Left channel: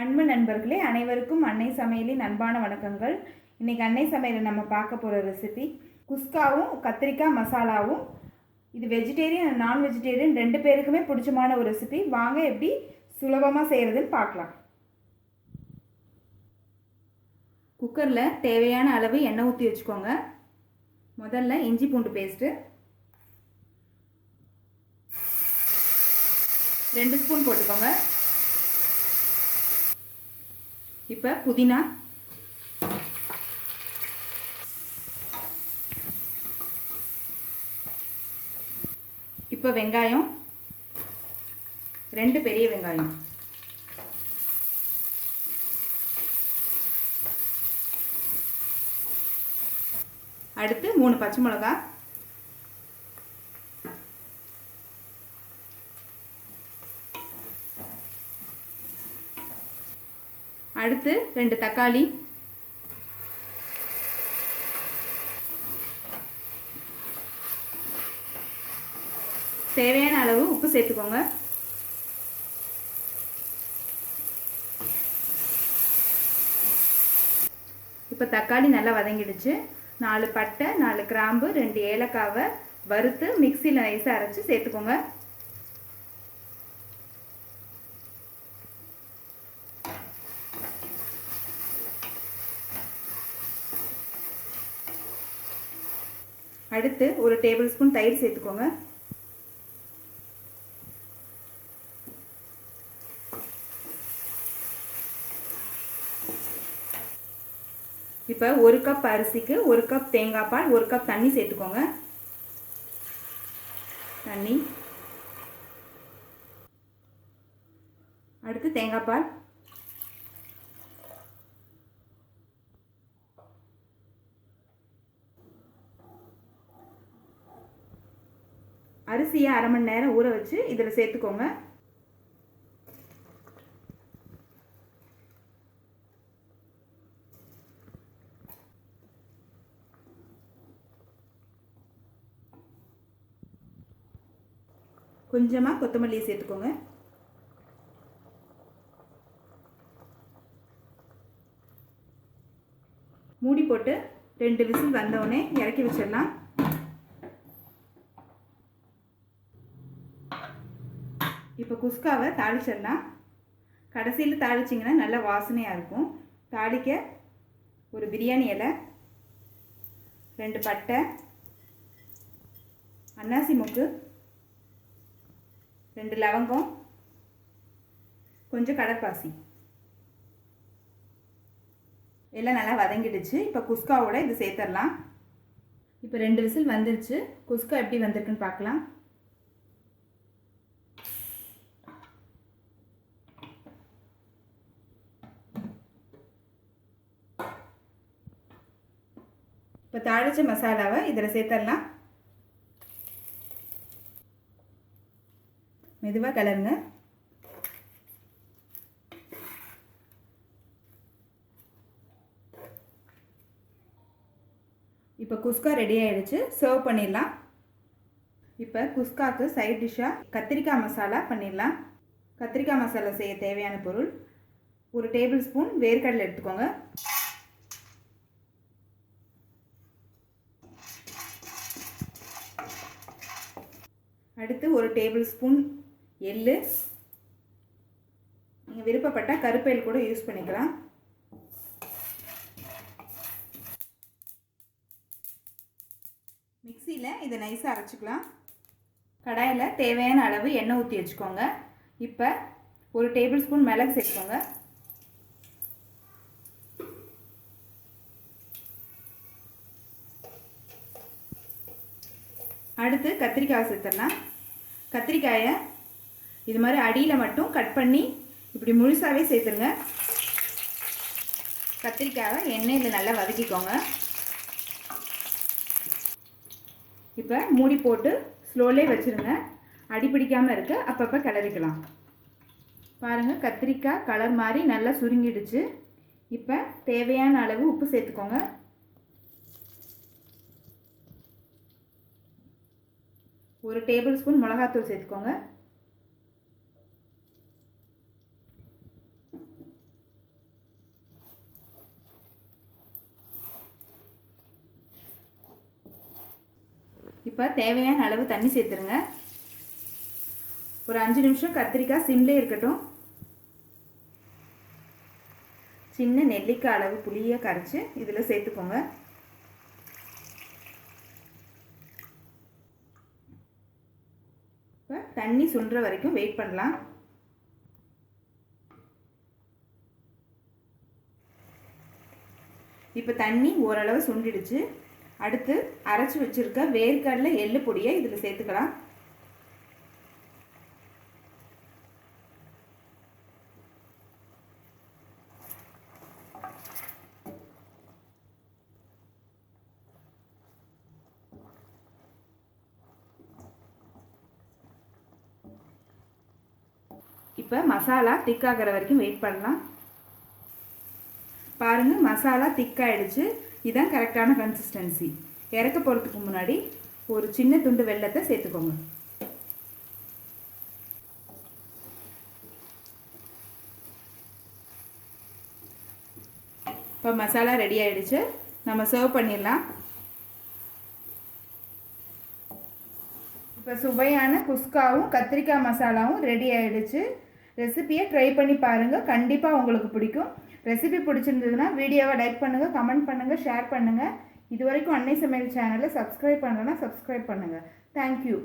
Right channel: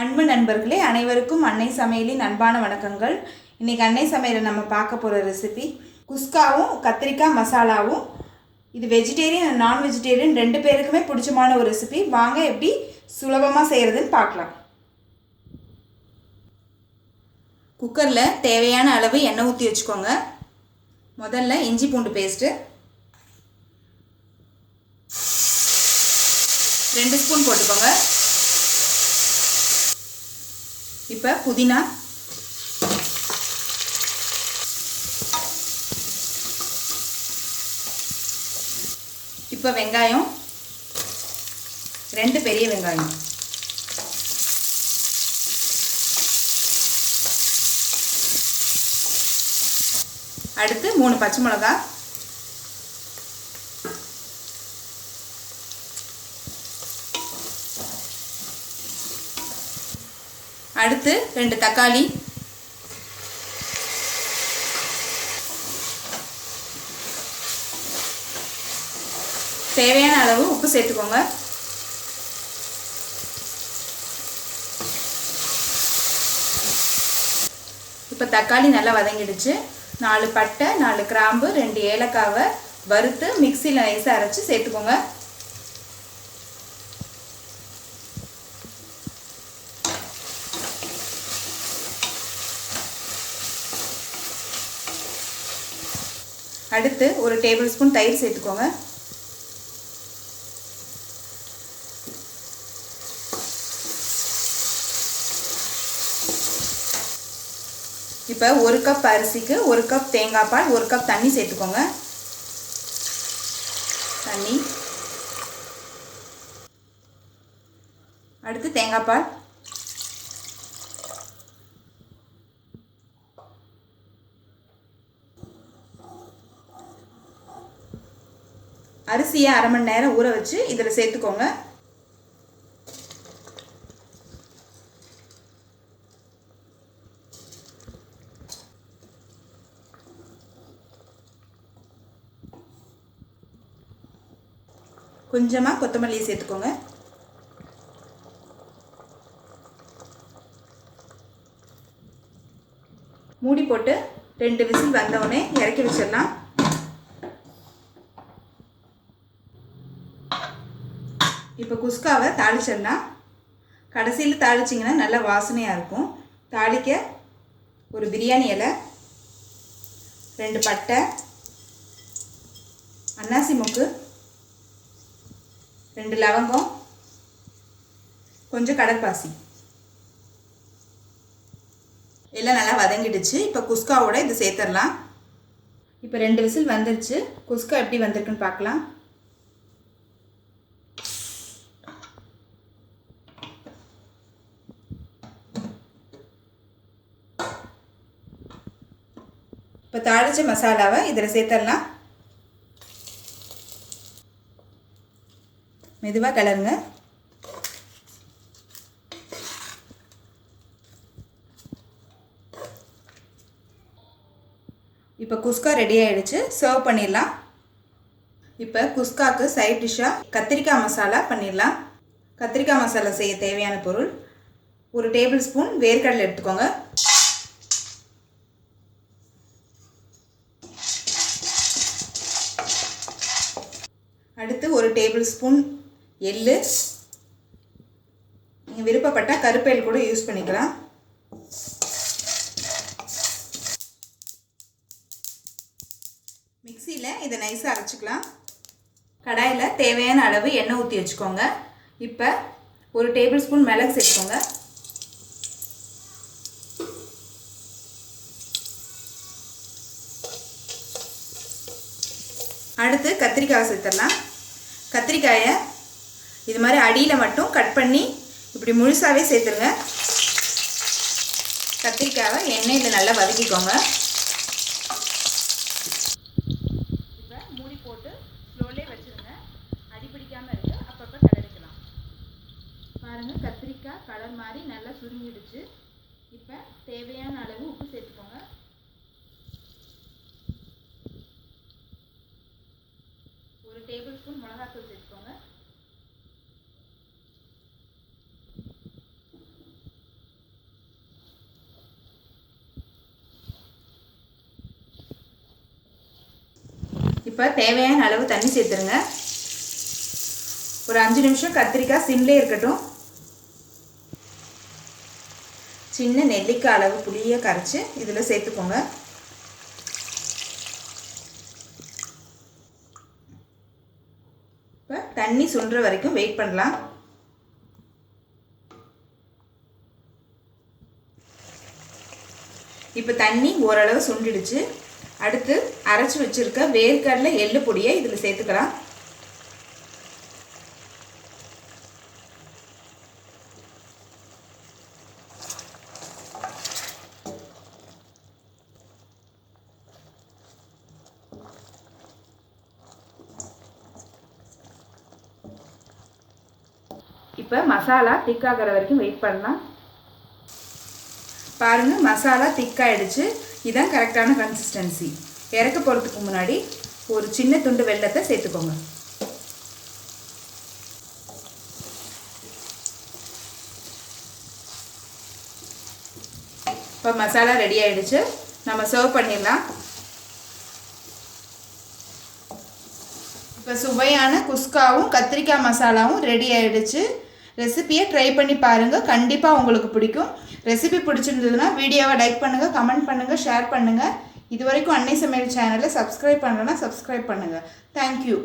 அன்பு நண்பர்களே, அனைவருக்கும் அன்னை சமையலின் அன்பான வணக்கங்கள். இன்றைக்கி அன்னை சமையலில் நம்ம பார்க்க போகிற ரெசிபி குஸ்காவும் கத்திரிக்காய் மசாலாவும். இது வெஜிடேரியன் அண்ட் நான் வெஜிடேரியன் ரெண்டு பேருக்குமே பிடிச்சமான ஒரு ரெசிபி. வாங்க எப்படி சுலபமாக செய்கிறதுன்னு பார்க்கலாம். குக்கரில் தேவையான அளவு எண்ணெய் ஊற்றி வச்சுக்கோங்க. முதல்ல இஞ்சி பூண்டு பேஸ்ட்டு 2 ஸ்பூன் போட்டுக்கோங்க. இப்போ புதினா, இப்போ வெங்காயம், 2 பெரிய வெங்காயம், அடுத்து 3 பச்சை மிளகாய், அடுத்து 2 தக்காளி, தேவையான அளவு உப்பு சேர்த்துக்கோங்க. இப்போ தக்காளி நல்லா வதங்கிடுச்சு. 4 பட்டை, 4 கிராம்பு, 2 ஏலக்காவை வறுத்து மிக்சியில் நைஸாக அரைச்சி சேர்த்துக்கோங்க. அடுத்து 1 டேபிள் ஸ்பூன் தயிர் சேர்த்துக்கோங்க. இப்போ 1 கப் அரிசிக்கு 1 கப் தேங்காய் பால், 1 கப் தண்ணி சேர்த்துக்கோங்க. தண்ணி, அடுத்து தேங்காய் பால், அரிசியை அரை மணி நேரம் ஊற வச்சு இதில் சேர்த்துக்கோங்க. கொஞ்சமாக கொத்தமல்லியை சேர்த்துக்கோங்க. மூடி போட்டு 2 விசில் வந்தவுடனே இறக்கி வச்சிடலாம். இப்போ குஸ்காவை தாளிச்சிடலாம். கடைசியில் தாளிச்சிங்கன்னா நல்லா வாசனையாக இருக்கும். தாளிக்க ஒரு பிரியாணி இலை, 2 பட்டை, அன்னாசி மொக்கு, 2 லவங்கம், கொஞ்சம் கடற்பாசி எல்லாம் நல்லா வதங்கிடுச்சு. இப்போ குஸ்காவோட இது சேர்த்துடலாம். இப்போ 2 விசில் வந்துருச்சு. குஸ்கா எப்படி வந்திருக்குன்னு பார்க்கலாம். இப்போ தாளிச்ச மசாலாவை இதில் சேர்த்துடலாம். மெதுவாக கிளறுங்க. இப்போ குஸ்கா ரெடி ஆகிடுச்சு. சர்வ் பண்ணிடலாம். இப்போ குஸ்காவுக்கு சைட் டிஷ்ஷாக கத்திரிக்காய் மசாலா பண்ணிடலாம். கத்திரிக்காய் மசாலா செய்ய தேவையான பொருள்: 1 டேபிள் ஸ்பூன் வேர்க்கடலை எடுத்துக்கோங்க. அடுத்து 1 டேபிள் ஸ்பூன் எள்ளு. நீங்கள் விருப்பப்பட்டால் கருப்பேல் கூட யூஸ் பண்ணிக்கலாம். மிக்சியில் இதை நைஸாக அரைச்சிக்கலாம். கடாயில் தேவையான அளவு எண்ணெய் ஊற்றி வச்சுக்கோங்க. இப்போ 1 டேபிள் ஸ்பூன் மிளகு சேர்த்துக்கோங்க. அடுத்து கத்திரிக்காய் சேர்த்துடலாம். கத்திரிக்காயை இது மாதிரி அடியில் மட்டும் கட் பண்ணி இப்படி முழுசாகவே சேர்த்துருங்க. கத்திரிக்காயை எண்ணெயில் நல்லா வதக்கிக்கோங்க. இப்போ மூடி போட்டு ஸ்லோலே வச்சுருங்க. அடி பிடிக்காமல் இருக்க அப்பப்போ கிளறிக்கலாம். பாருங்கள், கத்திரிக்காய் கலர் மாதிரி நல்லா சுருங்கிடுச்சு. இப்போ தேவையான அளவு உப்பு சேர்த்துக்கோங்க. 1 டேபிள் ஸ்பூன் மிளகாத்தூள் சேர்த்துக்கோங்க. இப்போ தேவையான அளவு தண்ணி சேர்த்துருங்க. ஒரு 5 நிமிஷம் கத்திரிக்காய் சிம்லே இருக்கட்டும். சின்ன நெல்லிக்காய் அளவு புளியை கரைச்சி இதில் சேர்த்துக்கோங்க. இப்போ தண்ணி சுண்டுற வரைக்கும் வெயிட் பண்ணலாம். இப்போ தண்ணி ஓரளவு சுண்டிடுச்சு. அடுத்து அரைச்சி வச்சுருக்க வேர்க்கடலை எள்ளு பொடியை இதில் சேர்த்துக்கலாம். இப்போ மசாலா திக்காகிற வரைக்கும் வெயிட் பண்ணலாம். பாருங்கள், மசாலா திக்காயிடுச்சு. இதுதான் கரெக்டான கன்சிஸ்டன்சி. இறக்க போகிறதுக்கு முன்னாடி ஒரு சின்ன துண்டு வெல்லத்தை சேர்த்துக்கோங்க. இப்போ மசாலா ரெடி ஆகிடுச்சு. நம்ம சர்வ் பண்ணிடலாம். இப்போ சுவையான குஸ்காவும் கத்திரிக்காய் மசாலாவும் ரெடி ஆகிடுச்சு. ரெசிபியை ட்ரை பண்ணி பாருங்கள், கண்டிப்பாக உங்களுக்கு பிடிக்கும். ரெசிபி பிடிச்சிருந்ததுன்னா வீடியோவை லைக் பண்ணுங்கள், கமெண்ட் பண்ணுங்கள், ஷேர் பண்ணுங்கள். இது வரைக்கும் அன்னை சமையல் சேனலை சப்ஸ்கிரைப் பண்ணலன்னா சப்ஸ்கிரைப் பண்ணுங்கள். தேங்க்யூ.